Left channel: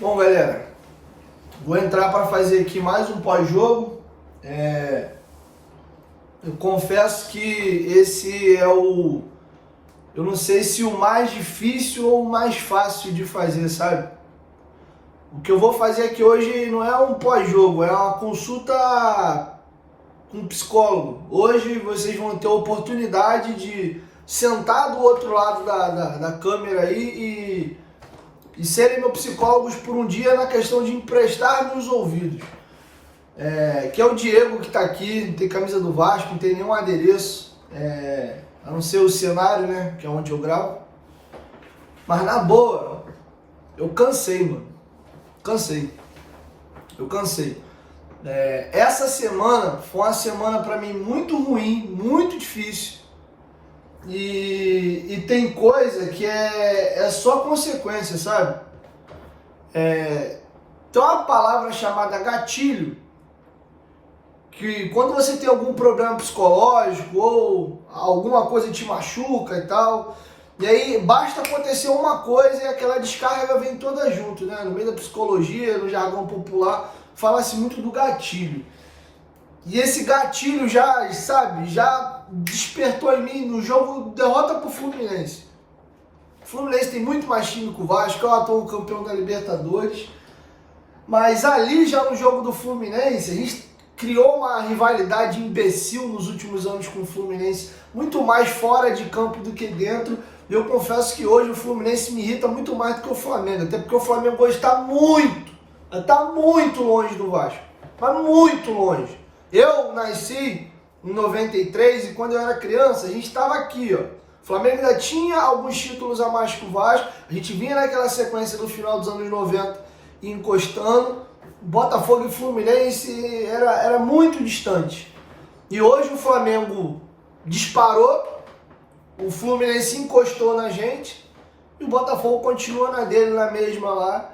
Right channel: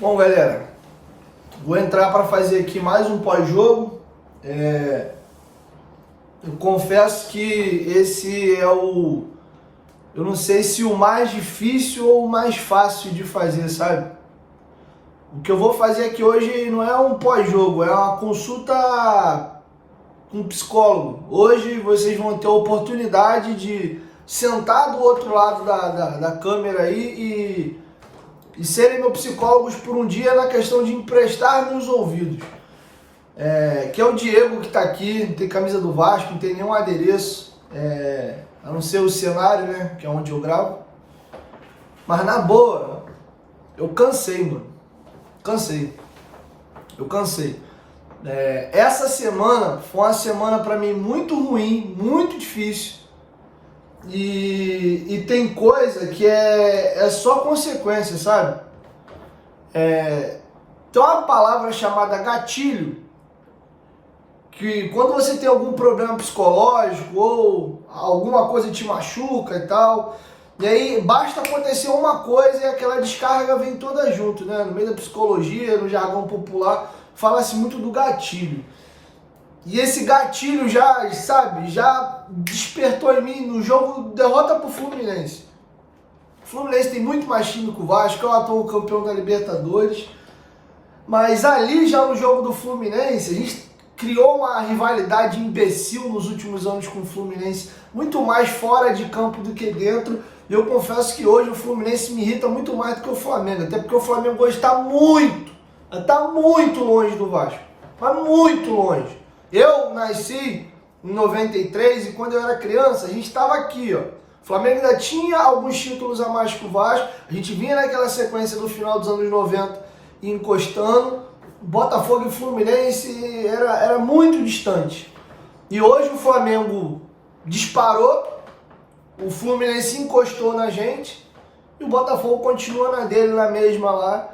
Bom, galera, vou entrar para fazer aqui mais um pós-jogo. Eu confesso que esse é eu não sei se o mais difícil ou o mais fácil de fazer, sabe? O que eu vou fazer aqui hoje não é um pós-jogo, é uma consulta com um psicólogo. Hoje vocês vão ter a oportunidade de sentar do outro lado da câmera aí e serem meus psicólogos por um dia na questão de emprestar meus ouvidos. Que é o Diego que está aqui, não tem camisa do Vasco, não tem nenhum adereço, a não ser o cenário, né, que é onde eu gravo. Mas na boa, eu cansei, mano. Eu cansei. Essa semana foi uma semana para mim muito ruim, muito difícil. E tem coisa que é só consequência, sabe? Tem uma palavra chamada gatilho, que quando você tem algum problema psicológico ou alguma coisa te machuca e tal, e aí basta acontecer uma coisa e aquela descarga vem toda junto, né? No meio da psicologia, no jargão popular, fala-se muito do gatilho. E esse gatilho já despertou em mim no jogo derrota pro Fluminense. O Fluminense tem muito mais time que o Vasco, é o atual campeão da Libertadores. Mas ali já no jogo do Fluminense, a gente criou uma rivalidade imbecil nos últimos anos com o Fluminense, muito mais fora de campo do que dentro. E eu confesso que hoje o Fluminense me irrita muito mais do que o Flamengo, até porque o Flamengo hoje está muito longe do Vasco, mas muito longe. Eu nasci em 93 e quando eu era criança, a gente estava aqui, ó. O Flamengo ainda tinha alguns títulos a mais que o Vasco, a gente vinha naquela sequência do final dos anos 90 encostando. Botafogo e Fluminense era muito distante. E hoje o Flamengo disparou, o Fluminense encostou na gente e o Botafogo continua na dele, na mesma lá.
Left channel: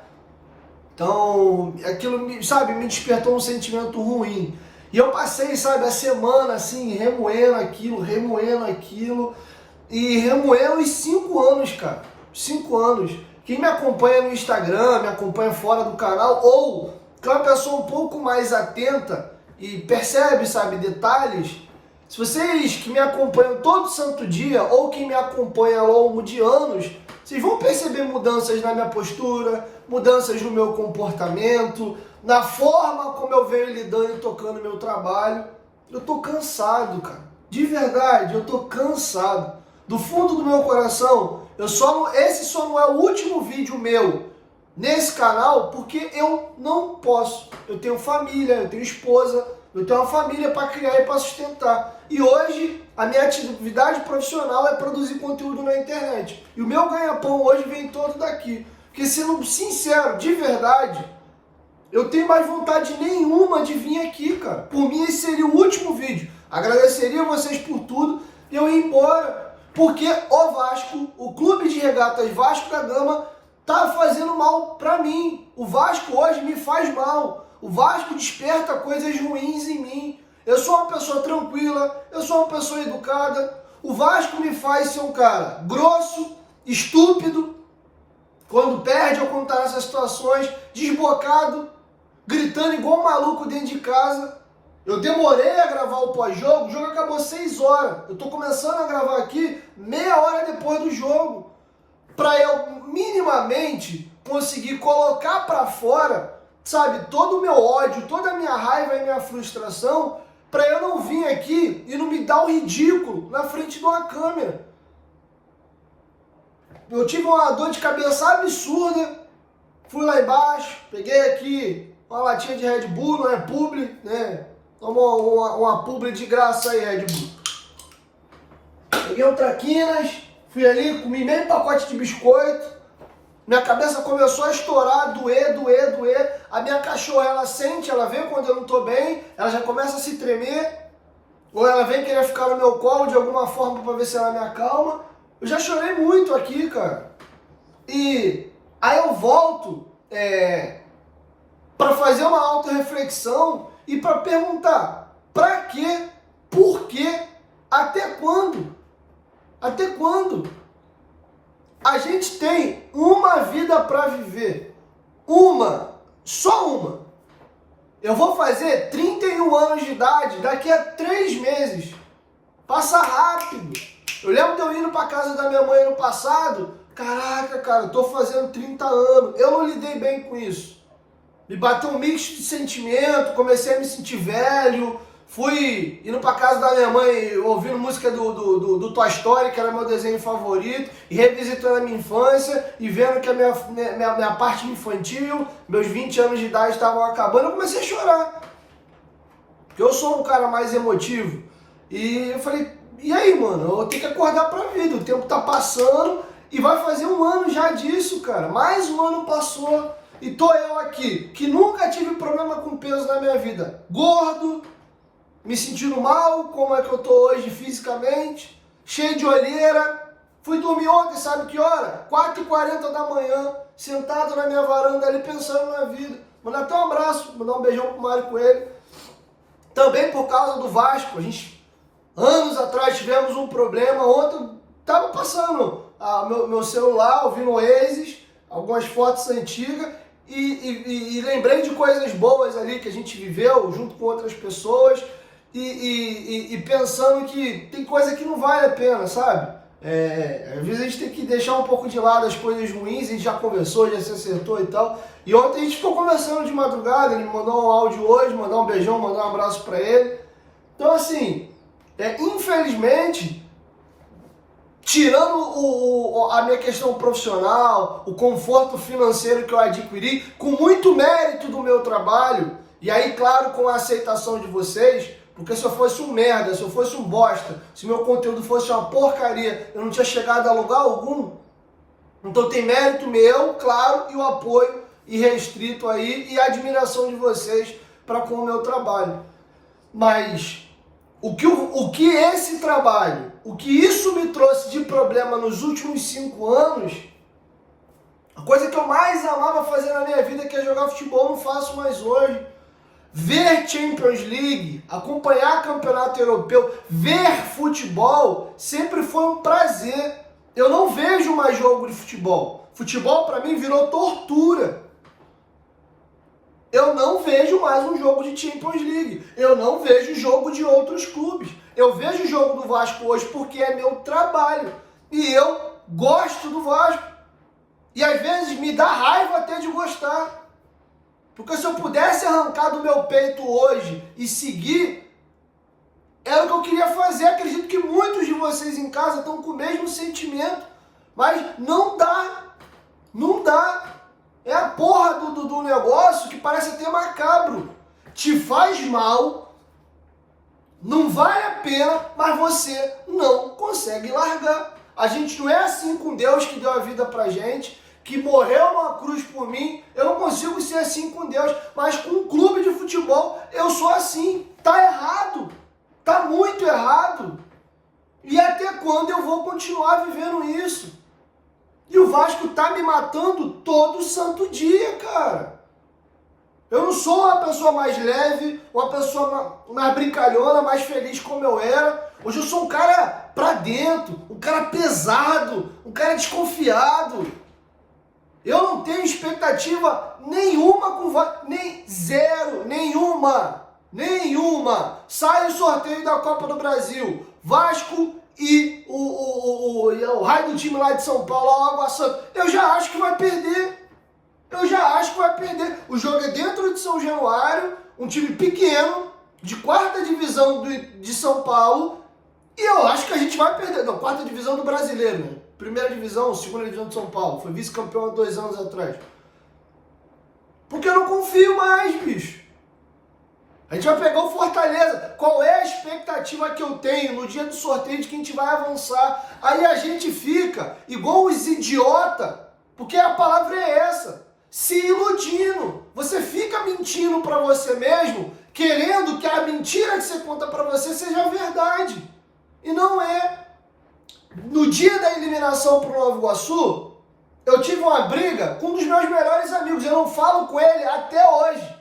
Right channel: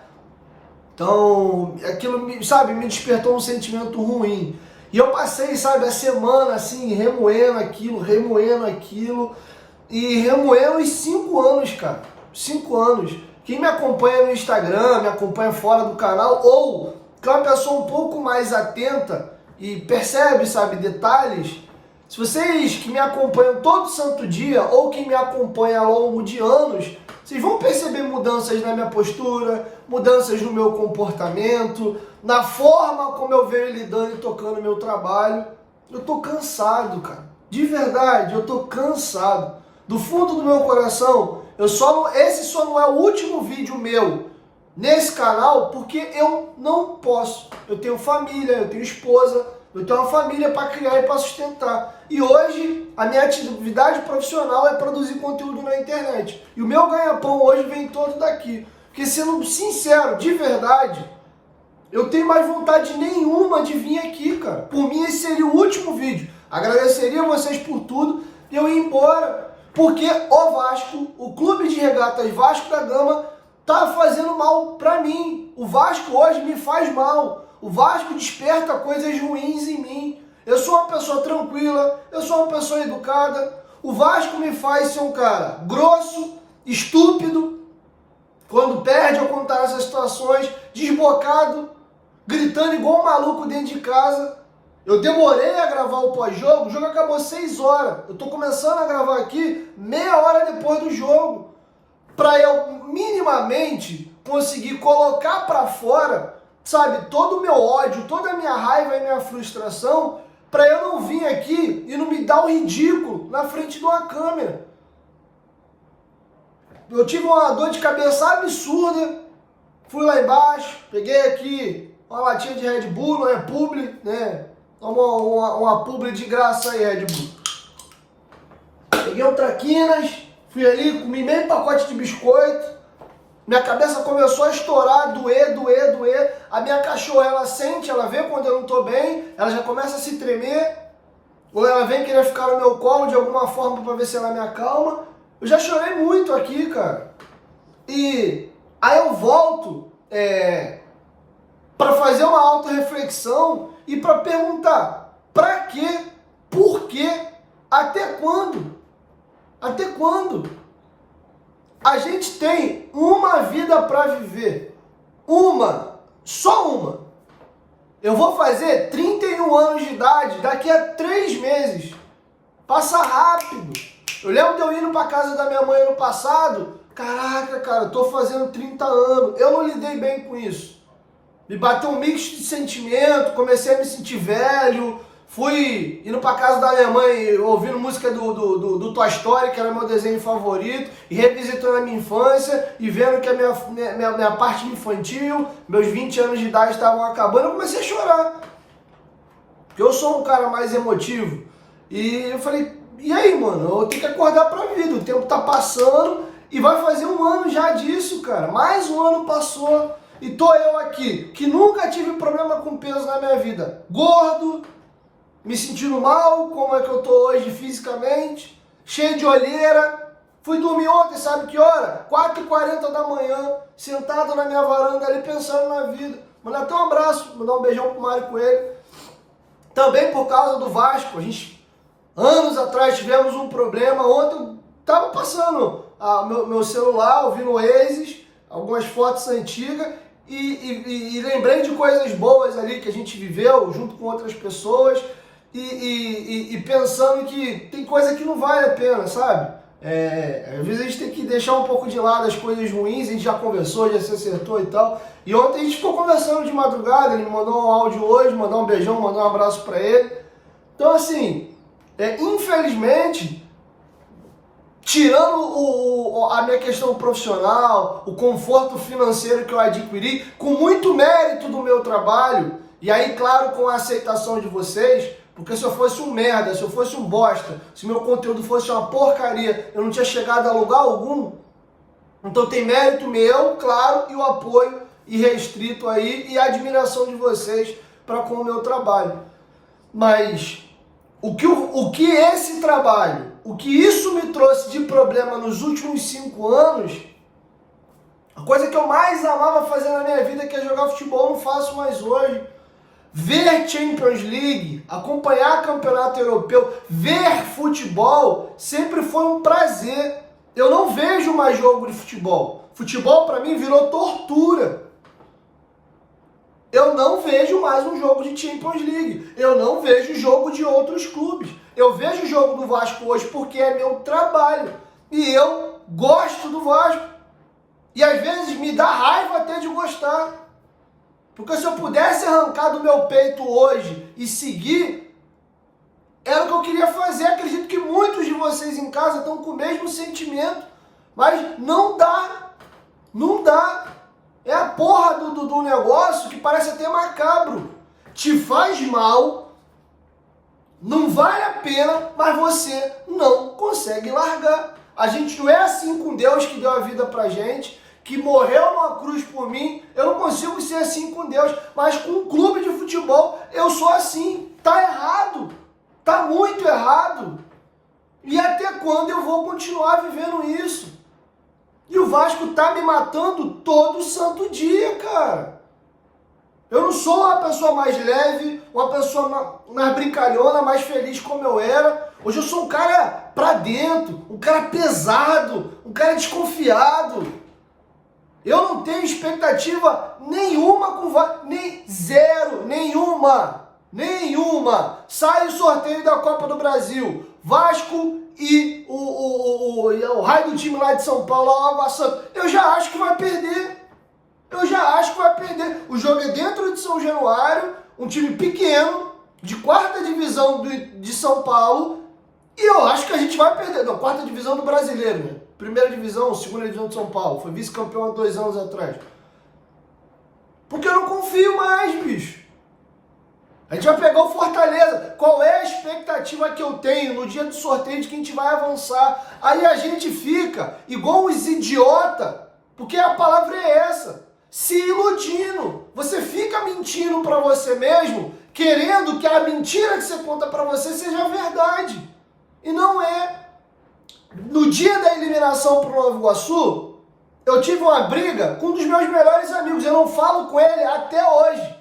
Então, aquilo, me despertou um sentimento ruim. E eu passei, a semana assim, remoendo aquilo e remoendo os 5 anos, cara. 5 anos. Quem me acompanha no Instagram, me acompanha fora do canal, ou que é uma pessoa um pouco mais atenta e percebe, detalhes. Se vocês que me acompanham todo santo dia, ou que me acompanham ao longo de anos, vocês vão perceber mudanças na minha postura, mudanças no meu comportamento, na forma como eu venho lidando e tocando meu trabalho. Eu tô cansado, cara. De verdade, eu tô cansado. Do fundo do meu coração, esse só não é o último vídeo meu nesse canal, porque eu não posso. Eu tenho família, eu tenho esposa, eu tenho uma família para criar e para sustentar. E hoje, a minha atividade profissional é produzir conteúdo na internet. E o meu ganha-pão hoje vem todo daqui. Porque, sendo sincero, de verdade, eu tenho mais vontade nenhuma de vir aqui, cara. Por mim, esse seria o último vídeo. Agradeceria vocês por tudo e eu ia embora. Porque o Vasco, o Clube de Regatas Vasco da Gama, tá fazendo mal pra mim. O Vasco hoje me faz mal. O Vasco desperta coisas ruins em mim. Eu sou uma pessoa tranquila, eu sou uma pessoa educada. O Vasco me faz ser um cara grosso, estúpido, quando perde ou quando tá nessas situações, desbocado, gritando igual um maluco dentro de casa. Eu demorei a gravar o pós-jogo, o jogo acabou 6 horas. Eu tô começando a gravar aqui meia hora depois do jogo, para eu minimamente conseguir colocar para fora, todo o meu ódio, toda a minha raiva e minha frustração, para eu não vir aqui e não me dar um ridículo na frente de uma câmera. Eu tive uma dor de cabeça absurda, fui lá embaixo, peguei aqui uma latinha de Red Bull, não é publi, né? Uma publi de graça aí, Red Bull. Peguei um traquinas, fui ali, comi meio pacote de biscoito. Minha cabeça começou a estourar, doer. A minha cachorra, ela sente, ela vê quando eu não tô bem, ela já começa a se tremer. Ou ela vem querer ficar no meu colo de alguma forma para ver se ela me acalma. Eu já chorei muito aqui, cara. E aí eu volto para fazer uma autorreflexão e para perguntar: pra quê? Por quê? Até quando? Até quando? A gente tem uma vida para viver. só uma. Eu vou fazer 31 anos de idade daqui a 3 meses. Passa rápido. Eu lembro de eu indo pra casa da minha mãe ano passado. Caraca, cara, eu tô fazendo 30 anos. Eu não lidei bem com isso. Me bateu um mix de sentimento, comecei a me sentir velho. Fui indo pra casa da minha mãe, ouvindo música do Toy Story, que era meu desenho favorito, e revisitando a minha infância, e vendo que a minha parte infantil, meus 20 anos de idade estavam acabando, eu comecei a chorar. Porque eu sou um cara mais emotivo. E eu falei, e aí, mano, eu tenho que acordar pra vida, o tempo tá passando, e vai fazer 1 ano já disso, cara. Mais 1 ano passou, e tô eu aqui, que nunca tive problema com peso na minha vida. Gordo, me sentindo mal, como é que eu tô hoje fisicamente, cheio de olheira. Fui dormir ontem, sabe que hora? 4h40 da manhã, sentado na minha varanda ali, pensando na vida. Mandar até um abraço, mandar um beijão pro Mário Coelho. Também por causa do Vasco, a gente, anos atrás, tivemos um problema. Ontem eu tava passando meu celular, ouvindo o Oasis, algumas fotos antigas, e lembrei de coisas boas ali que a gente viveu junto com outras pessoas. E pensando que tem coisa que não vale a pena, sabe? Às vezes a gente tem que deixar um pouco de lado as coisas ruins, a gente já conversou, já se acertou e tal. E ontem a gente ficou conversando de madrugada, ele me mandou um áudio hoje, mandou um beijão, mandou um abraço pra ele. Então assim, infelizmente, tirando a minha questão profissional, o conforto financeiro que eu adquiri, com muito mérito do meu trabalho, e aí claro com a aceitação de vocês, porque se eu fosse um merda, se eu fosse um bosta, se meu conteúdo fosse uma porcaria, eu não tinha chegado a lugar algum. Então tem mérito meu, claro, e o apoio irrestrito aí e a admiração de vocês para com o meu trabalho. Mas o que esse trabalho, o que isso me trouxe de problema nos últimos 5 anos, a coisa que eu mais amava fazer na minha vida, que é jogar futebol, não faço mais hoje. Ver Champions League, acompanhar campeonato europeu, ver futebol, sempre foi um prazer. Eu não vejo mais jogo de futebol. Futebol para mim virou tortura. Eu não vejo mais um jogo de Champions League. Eu não vejo jogo de outros clubes. Eu vejo o jogo do Vasco hoje porque é meu trabalho. E eu gosto do Vasco. E às vezes me dá raiva até de gostar. Porque se eu pudesse arrancar do meu peito hoje e seguir, era o que eu queria fazer. Acredito que muitos de vocês em casa estão com o mesmo sentimento. Mas não dá. Não dá. É a porra do negócio que parece até macabro. Te faz mal, não vale a pena, mas você não consegue largar. A gente não é assim com Deus que deu a vida pra gente, que morreu numa cruz por mim. Eu não consigo ser assim com Deus, mas com um clube de futebol eu sou assim. Tá errado, tá muito errado. E até quando eu vou continuar vivendo isso? E o Vasco tá me matando todo santo dia, cara. Eu não sou uma pessoa mais leve, uma pessoa mais brincalhona, mais feliz como eu era. Hoje eu sou um cara pra dentro, um cara pesado, um cara desconfiado. Eu não tenho expectativa nenhuma com o Vasco, nenhuma. Sai o sorteio da Copa do Brasil, Vasco e o raio do time lá de São Paulo, o Água Santa. Eu já acho que vai perder. O jogo é dentro de São Januário, um time pequeno, de 4ª divisão de São Paulo, e eu acho que a gente vai perder. Não, 4ª divisão do Brasileiro, né? 1ª divisão, 2ª divisão de São Paulo. Foi vice-campeão há 2 anos atrás. Porque eu não confio mais, bicho. A gente vai pegar o Fortaleza. Qual é a expectativa que eu tenho no dia do sorteio de que a gente vai avançar? Aí a gente fica igual os idiotas, porque a palavra é essa, se iludindo. Você fica mentindo para você mesmo, querendo que a mentira que você conta para você seja verdade. E não é. No dia da eliminação para o Nova Iguaçu, eu tive uma briga com um dos meus melhores amigos. Eu não falo com ele até hoje.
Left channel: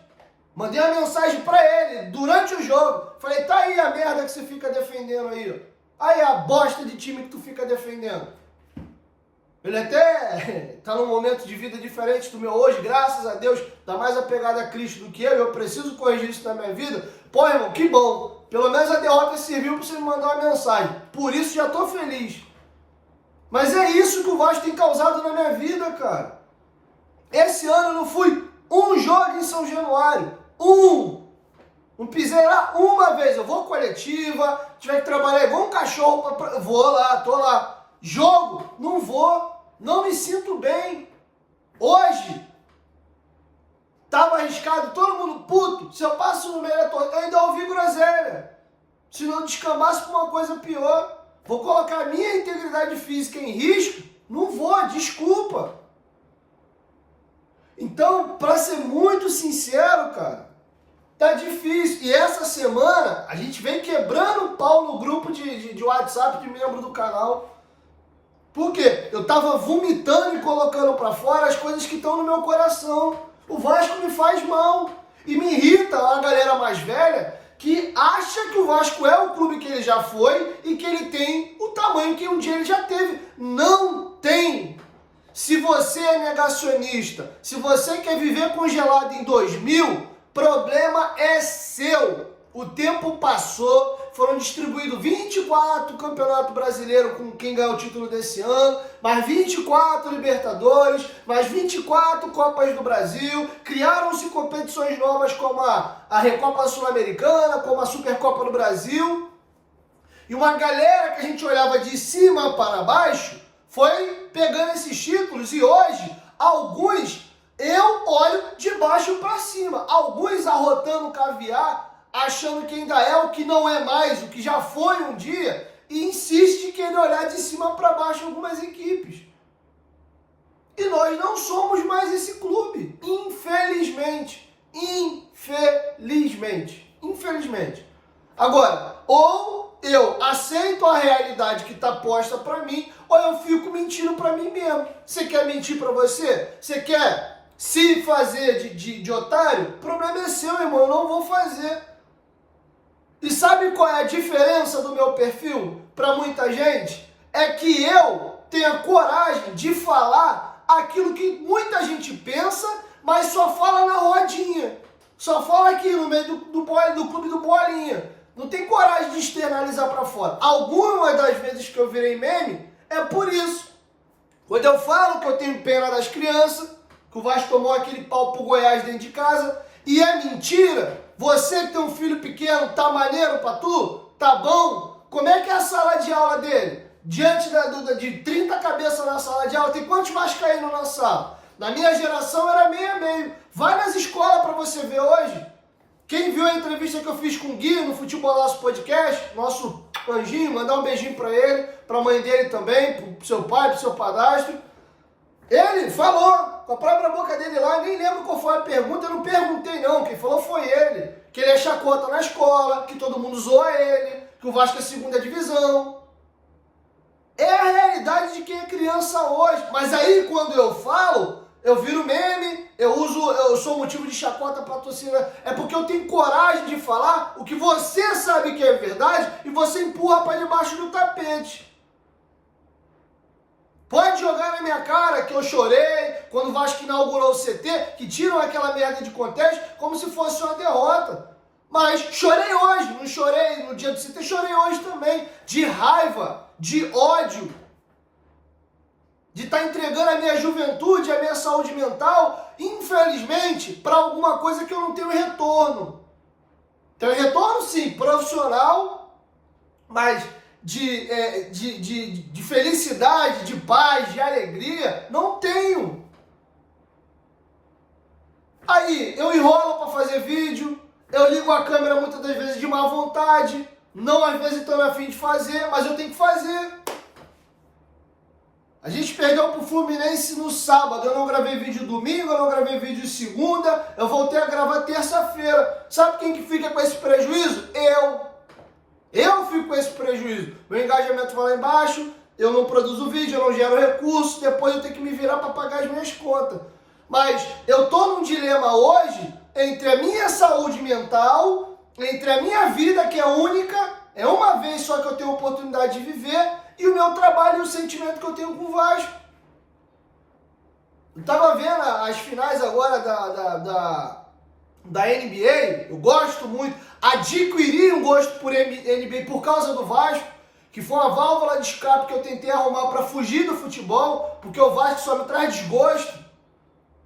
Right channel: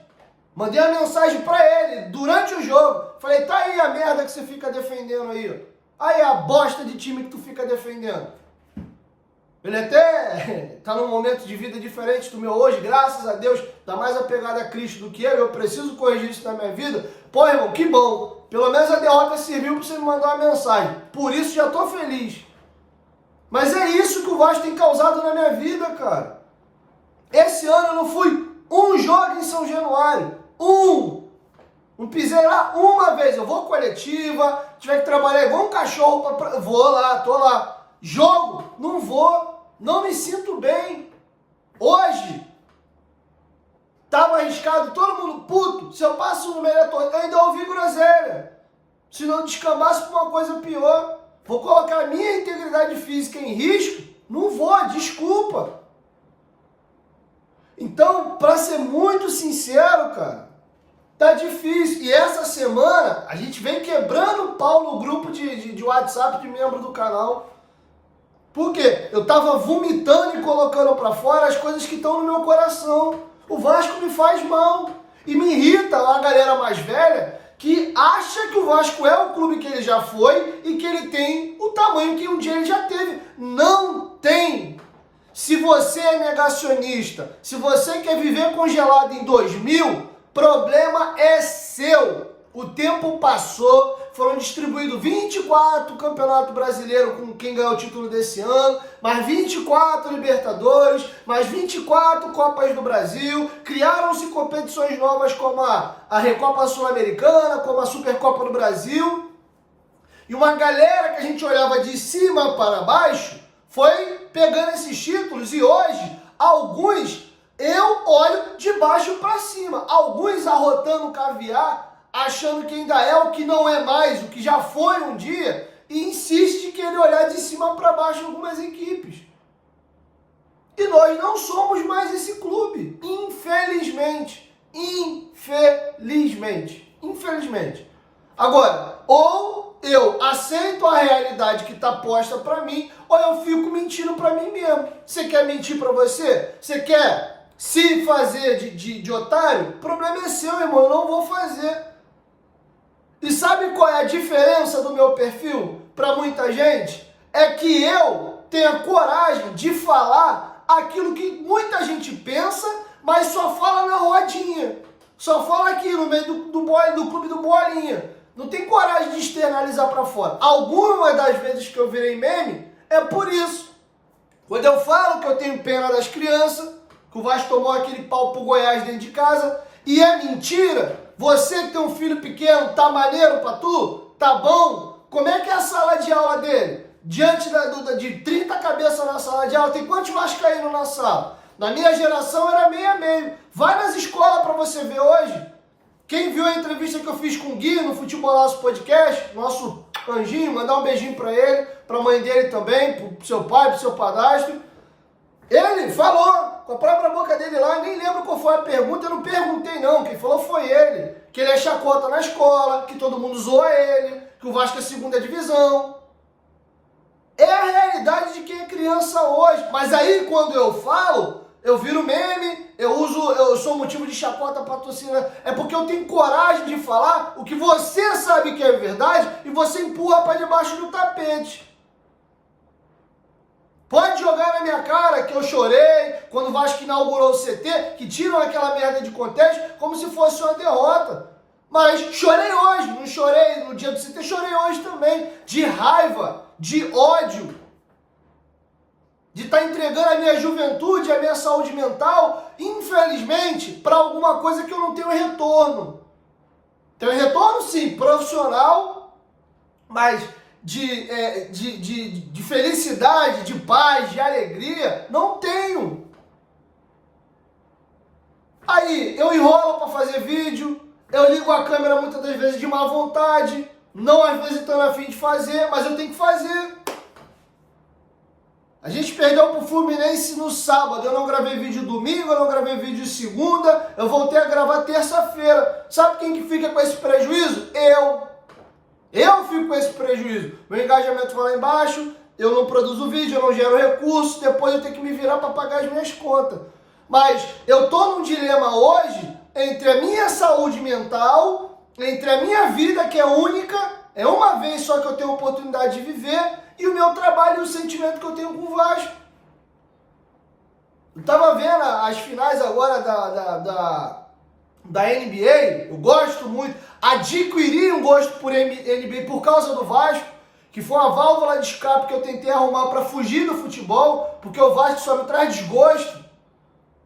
Mandei uma mensagem pra ele durante o jogo. Falei, tá aí a merda que você fica defendendo aí, ó. Aí a bosta de time que tu fica defendendo. Ele até tá num momento de vida diferente do meu hoje, graças a Deus, tá mais apegado a Cristo do que eu preciso corrigir isso na minha vida. Pô, irmão, que bom. Pelo menos a derrota serviu para você me mandar uma mensagem. Por isso já tô feliz. Mas é isso que o Vasco tem causado na minha vida, cara. Esse ano eu não fui um jogo em São Januário. Não pisei lá uma vez. Eu vou coletiva, tiver que trabalhar igual um cachorro, vou lá, tô lá. Jogo, não vou. Não me sinto bem. Hoje, tava arriscado, todo mundo puto. Se eu passo no meio da torcida, eu ainda ouvi groselha. Se não descambasse pra uma coisa pior. Vou colocar a minha integridade física em risco? Não vou, desculpa. Então, para ser muito sincero, cara, tá difícil. E essa semana, a gente vem quebrando o pau no grupo de WhatsApp de membro do canal. Por quê? Eu tava vomitando e colocando para fora as coisas que estão no meu coração. O Vasco me faz mal. E me irrita a galera mais velha que acha que o Vasco é o clube que ele já foi e que ele tem o tamanho que um dia ele já teve. Não tem. Se você é negacionista, se você quer viver congelado em 2000, problema é seu. O tempo passou, foram distribuídos 24 Campeonato Brasileiro com quem ganhou o título desse ano, mais 24 Libertadores, mais 24 Copas do Brasil, criaram-se competições novas como a Recopa Sul-Americana, como a Supercopa do Brasil, e uma galera que a gente olhava de cima para baixo foi pegando esses títulos e hoje, alguns eu olho de baixo para cima, alguns arrotando caviar, achando que ainda é o que não é mais, o que já foi um dia, e insiste que ele olhar de cima para baixo algumas equipes. E nós não somos mais esse clube, infelizmente. Infelizmente. Agora, ou eu aceito a realidade que está posta para mim, ou eu fico mentindo para mim mesmo. Você quer mentir para você? Você quer se fazer de otário? O problema é seu, irmão, eu não vou fazer. E sabe qual é a diferença do meu perfil para muita gente? É que eu tenho a coragem de falar aquilo que muita gente pensa, mas só fala na rodinha. Só fala aqui no meio do clube do Bolinha. Não tem coragem de externalizar para fora. Algumas das vezes que eu virei meme é por isso. Quando eu falo que eu tenho pena das crianças, que o Vasco tomou aquele pau pro Goiás dentro de casa, e é mentira. Você que tem um filho pequeno, tá maneiro pra tu? Tá bom? Como é que é a sala de aula dele? Diante de 30 cabeças na sala de aula, tem quantos vascaínos na sala? Na minha geração era meio a meio. Vai nas escolas pra você ver hoje. Quem viu a entrevista que eu fiz com o Gui no Futebolaço Podcast, nosso anjinho, mandar um beijinho pra ele, pra mãe dele também, pro seu pai, pro seu padrasto. Ele falou, com a própria boca dele lá, nem lembro qual foi a pergunta, eu não perguntei não, quem falou foi ele. Que ele é chacota na escola, que todo mundo zoa ele, que o Vasco é segunda divisão. É a realidade de quem é criança hoje. Mas aí quando eu falo, eu viro meme, eu sou motivo de chacota pra torcida. É porque eu tenho coragem de falar o que você sabe que é verdade e você empurra pra debaixo do tapete. Pode jogar na minha cara que eu chorei quando o Vasco inaugurou o CT, que tiram aquela merda de contexto como se fosse uma derrota. Mas chorei hoje, não chorei no dia do CT, chorei hoje também, de raiva, de ódio, de estar entregando a minha juventude, a minha saúde mental, infelizmente, para alguma coisa que eu não tenho retorno. Tenho retorno sim, profissional, mas de felicidade, de paz, de alegria, não tenho. Aí, eu enrolo para fazer vídeo, eu ligo a câmera muitas das vezes de má vontade, não às vezes estou a fim de fazer, mas eu tenho que fazer. A gente perdeu pro Fluminense no sábado, eu não gravei vídeo domingo, eu não gravei vídeo segunda, eu voltei a gravar terça-feira. Sabe quem que fica com esse prejuízo? Eu fico com esse prejuízo. Meu engajamento vai lá embaixo, eu não produzo vídeo, eu não gero recursos, depois eu tenho que me virar para pagar as minhas contas. Mas eu tô num dilema hoje entre a minha saúde mental, entre a minha vida, que é única, é uma vez só que eu tenho oportunidade de viver, e o meu trabalho e o sentimento que eu tenho com o Vasco. Eu tava vendo as finais agora da NBA, eu gosto muito, adquiri um gosto por NBA por causa do Vasco, que foi uma válvula de escape que eu tentei arrumar para fugir do futebol, porque o Vasco só me traz desgosto.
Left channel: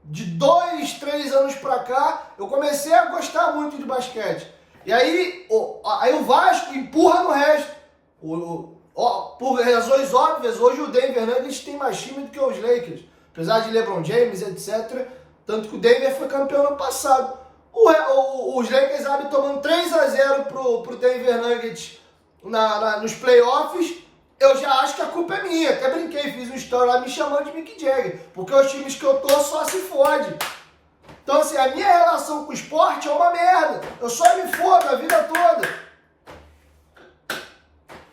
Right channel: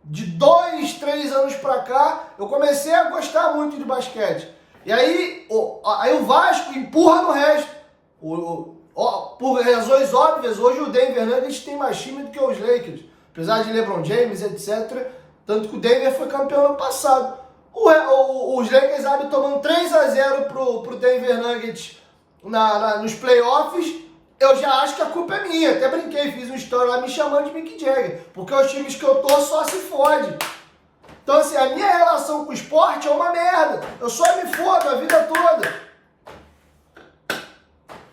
De 2, 3 anos pra cá, eu comecei a gostar muito de basquete. E aí o Vasco empurra no resto. Por razões óbvias, hoje o Denver Nuggets tem mais time do que os Lakers. Apesar de LeBron James, etc. Tanto que o Denver foi campeão ano passado. Os Lakers abrem tomando 3-0 pro Denver Nuggets nos playoffs. Eu já acho que a culpa é minha. Até brinquei, fiz um story lá me chamando de Mick Jagger. Porque os times que eu tô só se fode. Então, assim, a minha relação com o esporte é uma merda. Eu só me fodo a vida toda.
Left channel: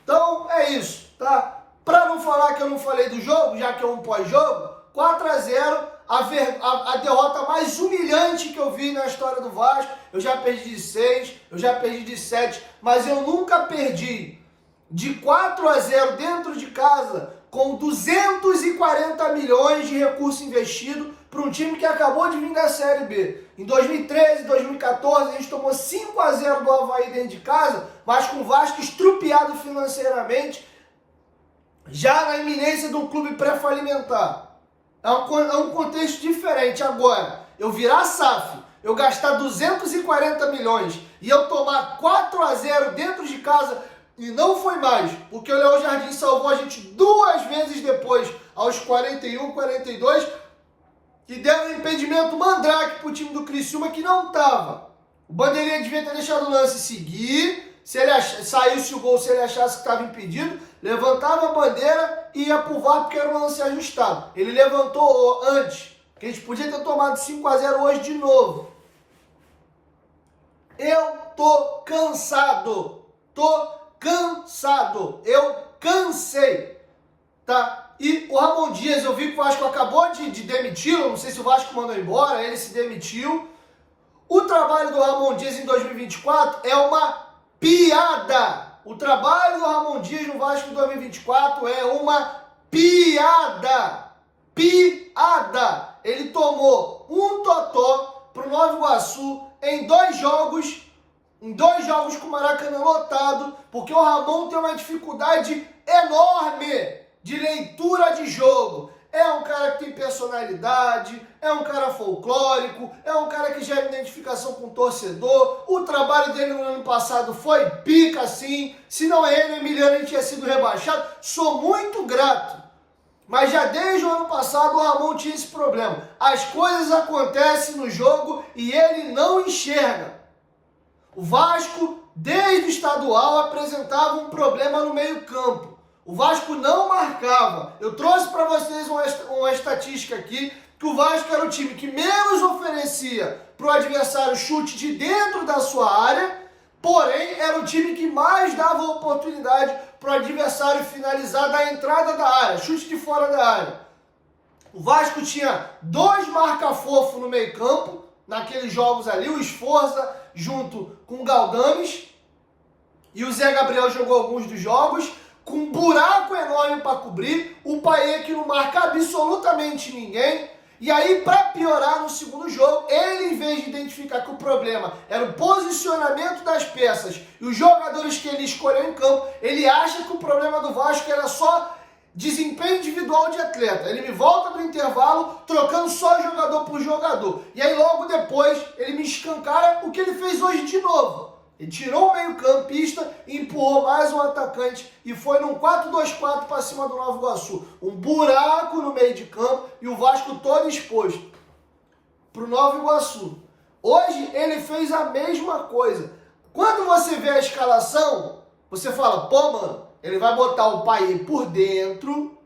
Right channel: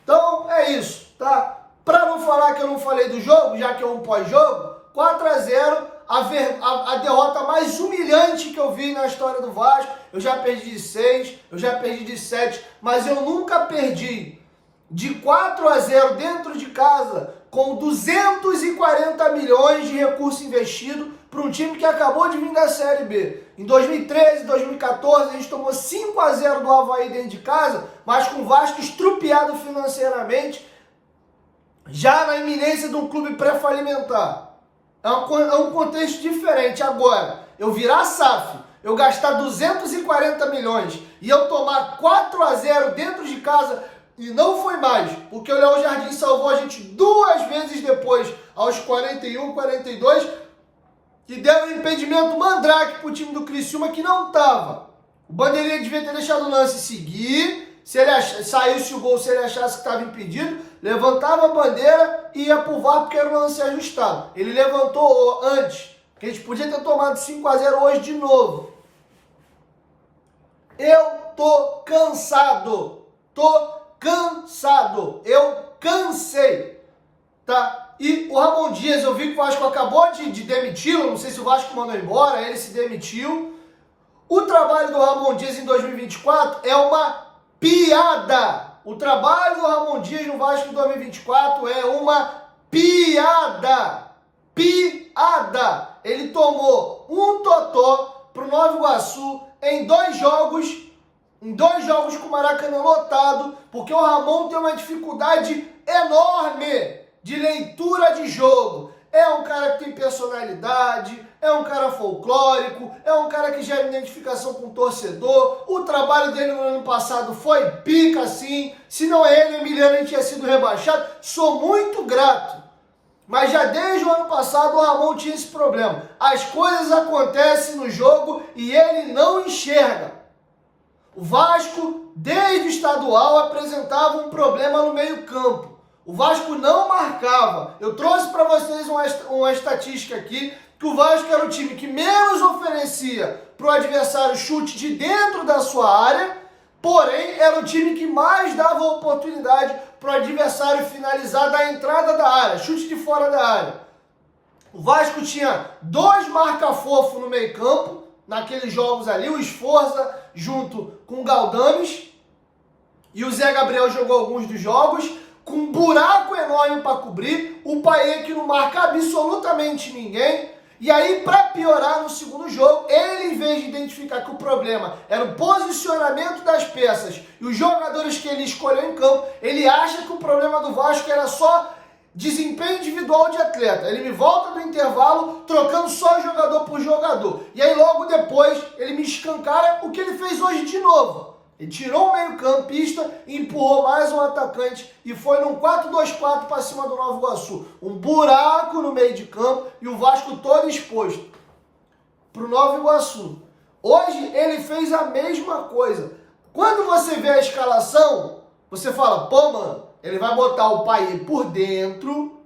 Então, é isso, tá? Pra não falar que eu não falei do jogo, já que é um pós-jogo, 4-0, a derrota mais humilhante que eu vi na história do Vasco. Eu já perdi de 6, eu já perdi de 7, mas eu nunca perdi de 4-0 dentro de casa, com 240 milhões de recurso investido para um time que acabou de vir da Série B. Em 2013, 2014, a gente tomou 5-0 do Avaí dentro de casa, mas com o Vasco estrupiado financeiramente, já na iminência de um clube pré-falimentar. É um contexto diferente. Agora, eu virar SAF, eu gastar 240 milhões e eu tomar 4-0 dentro de casa. E não foi mais, porque o Léo Jardim salvou a gente 2 vezes depois, aos 41, 42, que deram um impedimento mandrake pro time do Criciúma que não tava. O Bandeirinha devia ter deixado o lance seguir, se ele saísse o gol, se ele achasse que estava impedido, levantava a bandeira e ia pro VAR porque era um lance ajustado. Ele levantou antes, que a gente podia ter tomado 5-0 hoje de novo. Eu tô cansado, eu cansei, tá? E o Ramon Dias, eu vi que o Vasco acabou de demiti-lo, não sei se o Vasco mandou embora, ele se demitiu. O trabalho do Ramon Dias em 2024 é uma piada. O trabalho do Ramon Dias no Vasco em 2024 é uma piada. Piada. Ele tomou um totó pro Nova Iguaçu em 2 jogos. Em 2 jogos com o Maracanã lotado, porque o Ramon tem uma dificuldade enorme de leitura de jogo. É um cara que tem personalidade, é um cara folclórico, é um cara que gera identificação com o torcedor. O trabalho dele no ano passado foi pica, sim. Se não é ele, Emiliano, ele tinha sido rebaixado. Sou muito grato. Mas já desde o ano passado o Ramon tinha esse problema. As coisas acontecem no jogo e ele não enxerga. O Vasco, desde o estadual, apresentava um problema no meio-campo. O Vasco não marcava. Eu trouxe para vocês uma estatística aqui, que o Vasco era o time que menos oferecia para o adversário chute de dentro da sua área, porém era o time que mais dava oportunidade para o adversário finalizar da entrada da área, chute de fora da área. O Vasco tinha 2 marca-fofo no meio-campo, naqueles jogos ali, o Esforza junto com o Galdames, e o Zé Gabriel jogou alguns dos jogos, com um buraco enorme para cobrir, o Payet que não marca absolutamente ninguém, e aí para piorar no segundo jogo, ele em vez de identificar que o problema era o posicionamento das peças e os jogadores que ele escolheu em campo, ele acha que o problema do Vasco era só desempenho individual de atleta. Ele me volta do intervalo trocando só jogador por jogador. E aí logo depois ele me escancara o que ele fez hoje de novo. Ele tirou o meio-campista, empurrou mais um atacante e foi num 4-2-4 para cima do Nova Iguaçu. Um buraco no meio de campo e o Vasco todo exposto para o Nova Iguaçu. Hoje ele fez a mesma coisa. Quando você vê a escalação, você fala, pô, mano, ele vai botar o Payet por dentro,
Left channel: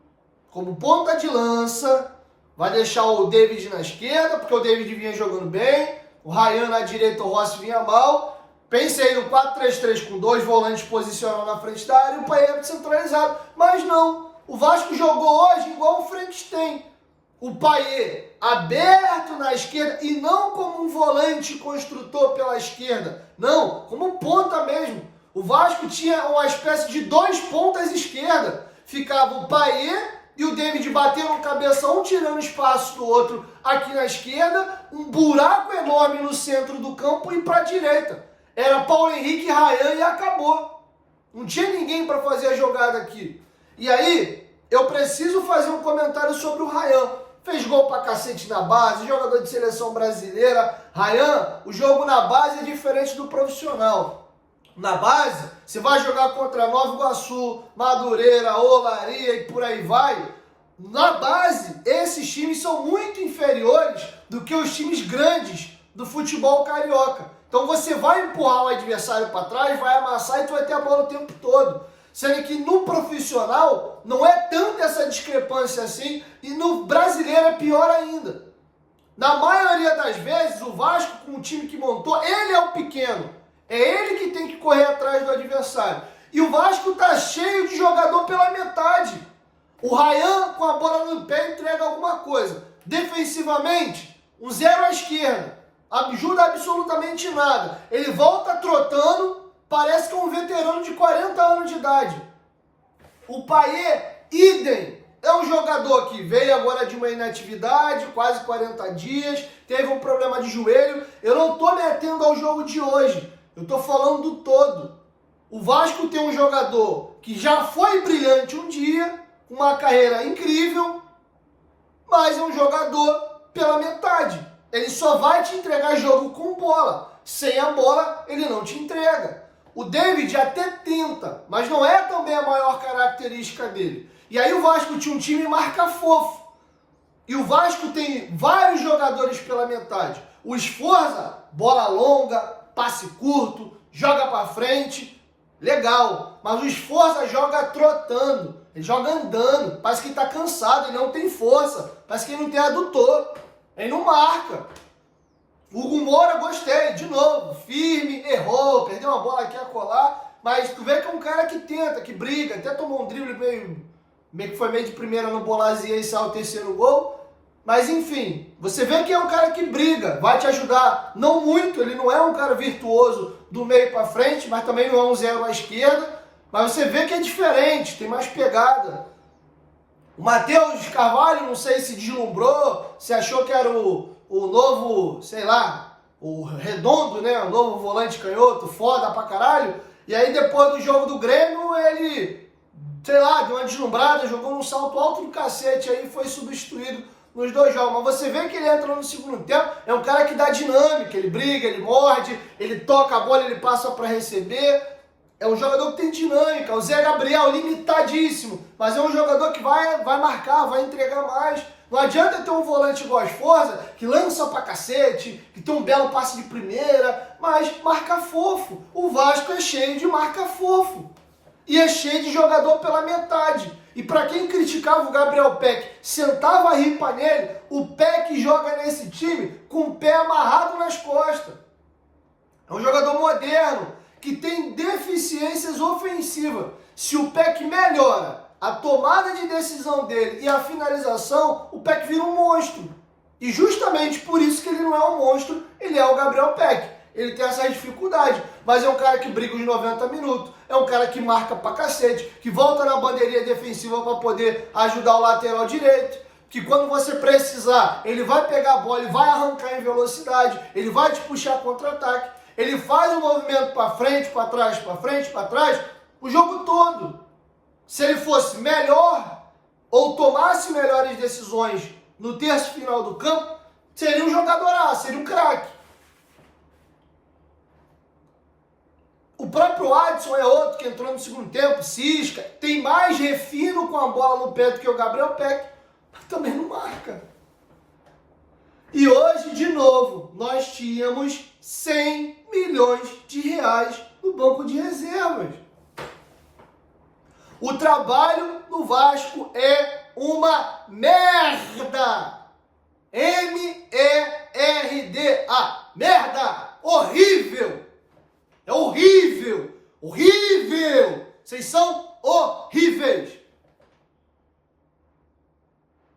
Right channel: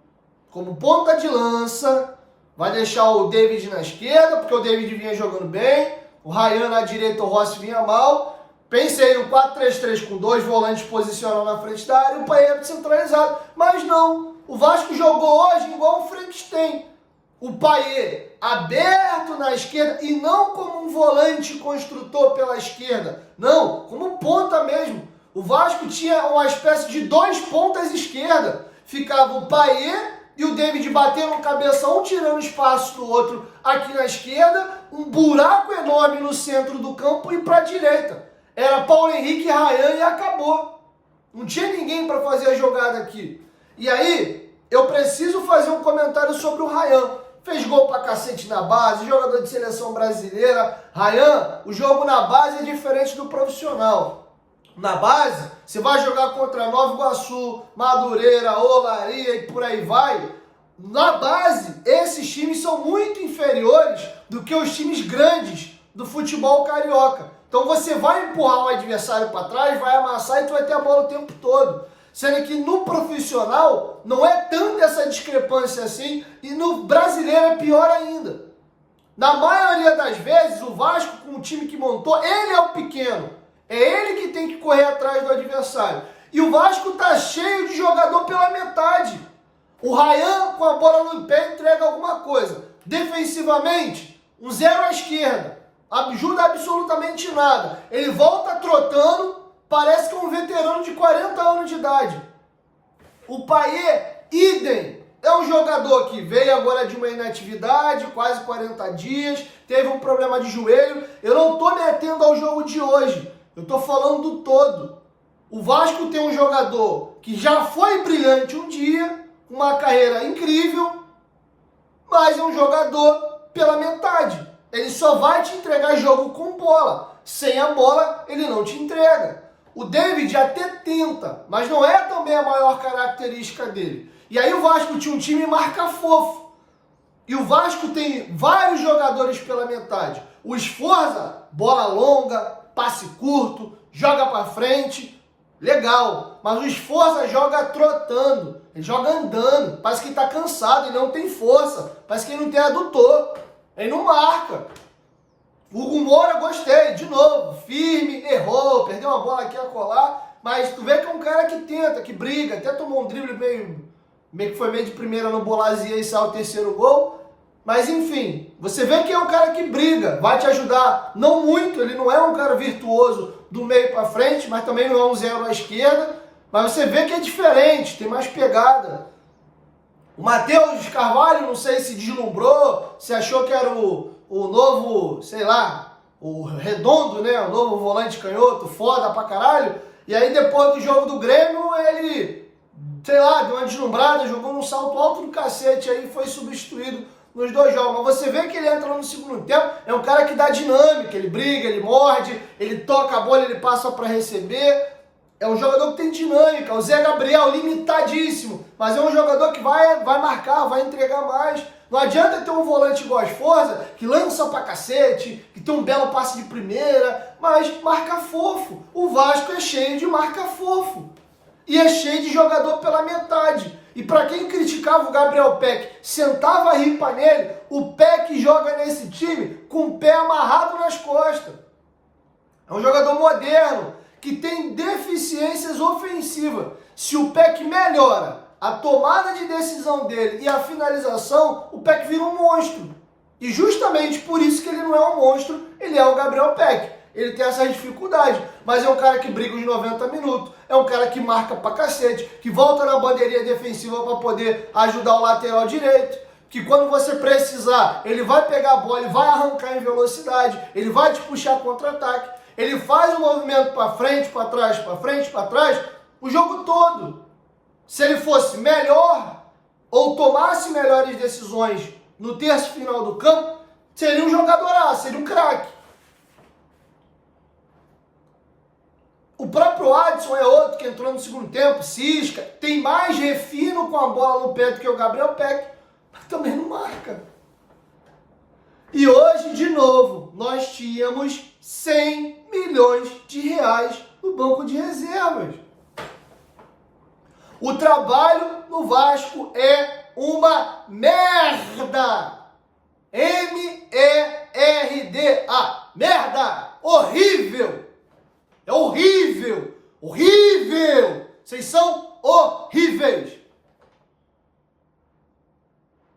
como ponta de lança, vai deixar o David na esquerda, porque o David vinha jogando bem, o Ryan na direita, o Rossi vinha mal. Pensei no 4-3-3 com 2 volantes posicionados na frente da área e o Payet centralizado. Mas não, o Vasco jogou hoje igual o Frankenstein. O Payet aberto na esquerda e não como um volante construtor pela esquerda. Não, como ponta mesmo. O Vasco tinha uma espécie de 2 pontas esquerda. Ficava o Payet e o David batendo cabeça um, tirando espaço do outro aqui na esquerda, um buraco enorme no centro do campo e para a direita. Era Paulo Henrique e Ryan e acabou. Não tinha ninguém para fazer a jogada aqui. E aí, eu preciso fazer um comentário sobre o Ryan. Fez gol pra cacete na base, jogador de seleção brasileira. Ryan, o jogo na base é diferente do profissional. Na base, você vai jogar contra Nova Iguaçu, Madureira, Olaria e por aí vai. Na base, esses times são muito inferiores do que os times grandes do futebol carioca. Então você vai empurrar o adversário para trás, vai amassar e tu vai ter a bola o tempo todo. Sendo que no profissional não é tanta essa discrepância assim, e no brasileiro é pior ainda. Na maioria das vezes, o Vasco, com o time que montou, ele é o pequeno. É ele que tem que correr atrás do adversário. E o Vasco tá cheio de jogador pela metade. O Ryan, com a bola no pé, entrega alguma coisa. Defensivamente, um zero à esquerda. Ajuda absolutamente nada. Ele volta trotando, parece que é um veterano de 40 anos de idade. O Payet, idem. É um jogador que veio agora de uma inatividade, quase 40 dias, teve um problema de joelho. Eu não estou me atendo ao jogo de hoje. Eu estou falando do todo. O Vasco tem um jogador que já foi brilhante um dia, uma carreira incrível, mas é um jogador pela metade. Ele só vai te entregar jogo com bola. Sem a bola, ele não te entrega. O David até tenta, mas não é também a maior característica dele. E aí o Vasco tinha um time marca fofo. E o Vasco tem vários jogadores pela metade. O Sforza, bola longa, passe curto, joga para frente, legal. Mas o Sforza joga trotando, ele joga andando, parece que ele tá cansado, ele não tem força, parece que ele não tem adutor, ele não marca. O Hugo Moura, gostei, de novo, firme, errou, perdeu uma bola aqui a colar, mas tu vê que é um cara que tenta, que briga, até tomou um drible meio que foi meio de primeira no Bolazia e saiu o terceiro gol. Mas enfim, você vê que é um cara que briga, vai te ajudar, não muito, ele não é um cara virtuoso do meio para frente, mas também não é um zero à esquerda, mas você vê que é diferente, tem mais pegada. O Matheus Carvalho, não sei se deslumbrou, se achou que era o novo, sei lá, o Redondo, né, o novo volante canhoto, foda pra caralho, e aí depois do jogo do Grêmio, ele, sei lá, deu uma deslumbrada, jogou num salto alto do cacete, aí foi substituído nos dois jogos, mas você vê que ele entra no segundo tempo, é um cara que dá dinâmica, ele briga, ele morde, ele toca a bola, ele passa para receber, é um jogador que tem dinâmica, o Zé Gabriel, limitadíssimo, mas é um jogador que vai marcar, vai entregar mais. Não adianta ter um volante igual a Sforza, que lança pra cacete, que tem um belo passe de primeira, mas marca fofo. O Vasco é cheio de marca fofo. E é cheio de jogador pela metade. E para quem criticava o Gabriel Peck, sentava a ripa nele, o Peck joga nesse time com o pé amarrado nas costas. É um jogador moderno, que tem deficiências ofensivas. Se o Peck melhora a tomada de decisão dele e a finalização, o Peck vira um monstro. E justamente por isso que ele não é um monstro, ele é o Gabriel Peck. Ele tem essa dificuldade, mas é um cara que briga os 90 minutos, é um cara que marca pra cacete, que volta na bandeirinha defensiva para poder ajudar o lateral direito, que quando você precisar, ele vai pegar a bola, ele vai arrancar em velocidade, ele vai te puxar contra-ataque, ele faz o movimento para frente, para trás, para frente, para trás, o jogo todo. Se ele fosse melhor ou tomasse melhores decisões no terço final do campo, seria um jogadoraço, seria um craque. O próprio Adson é outro que entrou no segundo tempo, cisca, tem mais refino com a bola no pé do que o Gabriel Peck, mas também não marca. E hoje, de novo, nós tínhamos 100 milhões de reais no banco de reservas. O trabalho no Vasco é uma merda. M-E-R-D-A. Merda. Horrível. É horrível. Horrível. Vocês são horríveis.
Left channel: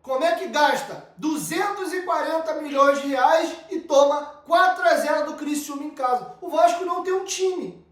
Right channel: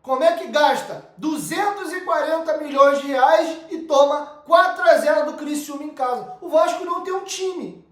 Como é que gasta 240 milhões de reais e toma 4-0 do Criciúma em casa? O Vasco não tem um time.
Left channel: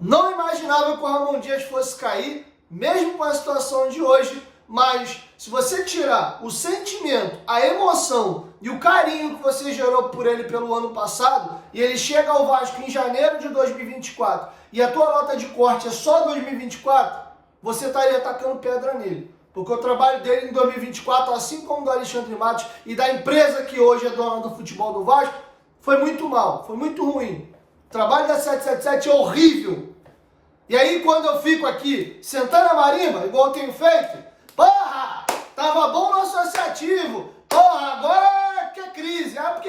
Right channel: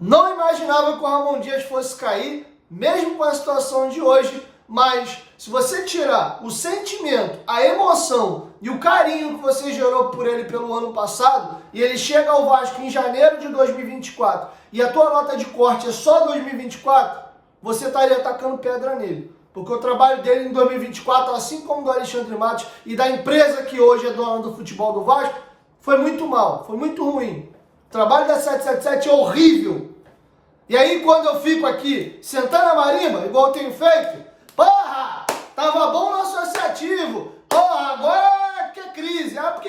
Não imaginava que o Ramon Dias fosse cair, mesmo com a situação de hoje, mas se você tirar o sentimento, a emoção e o carinho que você gerou por ele pelo ano passado, e ele chega ao Vasco em janeiro de 2024, e a tua nota de corte é só 2024, você estaria atacando pedra nele. Porque o trabalho dele em 2024, assim como do Alexandre Matos e da empresa que hoje é dona do futebol do Vasco, foi muito mal, foi muito ruim. O trabalho da 777 é horrível. E aí, quando eu fico aqui sentando a marimba, igual eu tenho feito, porra, tava bom no associativo, porra, agora que é crise, porque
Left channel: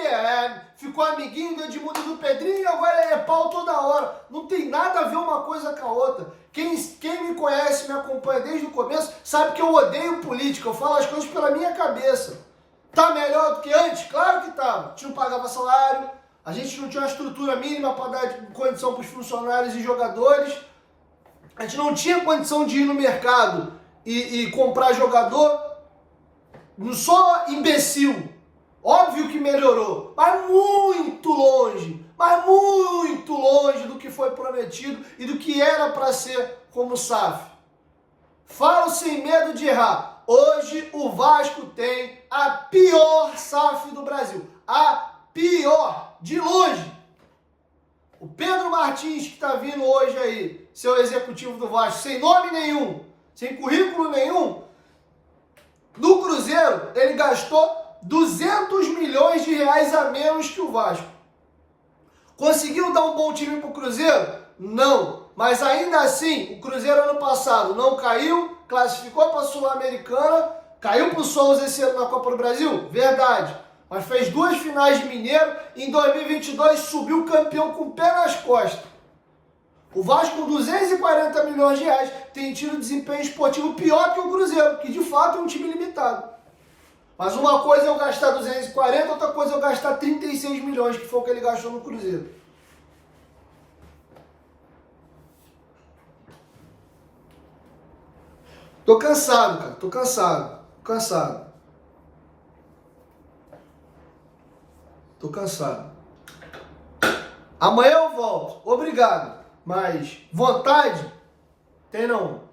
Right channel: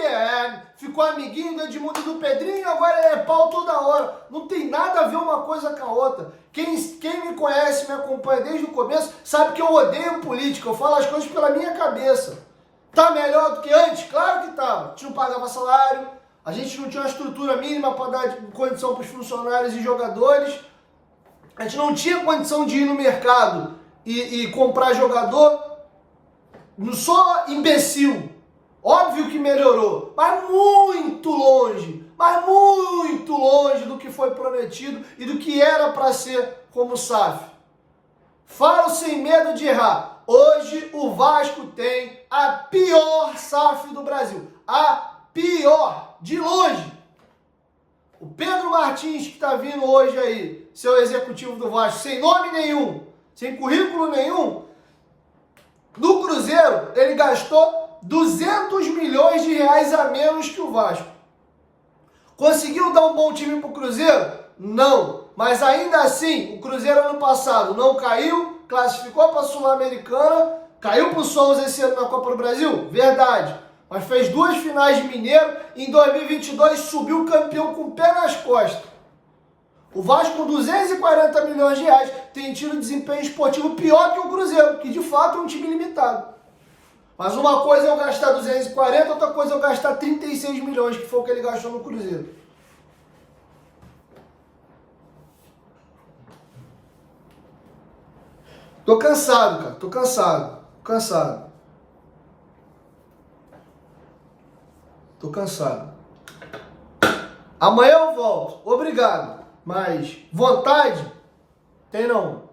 ficou amiguinho do Edmundo e do Pedrinho, agora é pau toda hora. Não tem nada a ver uma coisa com a outra. Quem me conhece, me acompanha desde o começo, sabe que eu odeio política, eu falo as coisas pela minha cabeça. Tá melhor do que antes? Claro que tá. A gente não pagava salário, a gente não tinha uma estrutura mínima para dar condição para os funcionários e jogadores, a gente não tinha condição de ir no mercado e comprar jogador. Não sou imbecil. Óbvio que melhorou, mas muito longe do que foi prometido e do que era para ser como SAF. Falo sem medo de errar. Hoje o Vasco tem a pior SAF do Brasil. A pior, de longe. O Pedro Martins, que está vindo hoje aí, seu executivo do Vasco, sem nome nenhum, sem currículo nenhum, no Cruzeiro, ele gastou 200 milhões de reais a menos que o Vasco. Conseguiu dar um bom time para o Cruzeiro? Não. Mas ainda assim, o Cruzeiro ano passado não caiu, classificou para a Sul-Americana, caiu para o Souza esse ano na Copa do Brasil? Verdade. Mas fez 2 finais de Mineiro e em 2022 subiu campeão com o pé nas costas. O Vasco, com 240 milhões de reais, tem tido desempenho esportivo pior que o Cruzeiro, que de fato é um time limitado. Mas uma coisa é eu gastar 240, outra coisa é eu gastar 36 milhões, que foi o que ele gastou no Cruzeiro. Tô cansado, cara. Tô cansado. Tô cansado. Amanhã eu volto. Obrigado. Mas vontade tem não.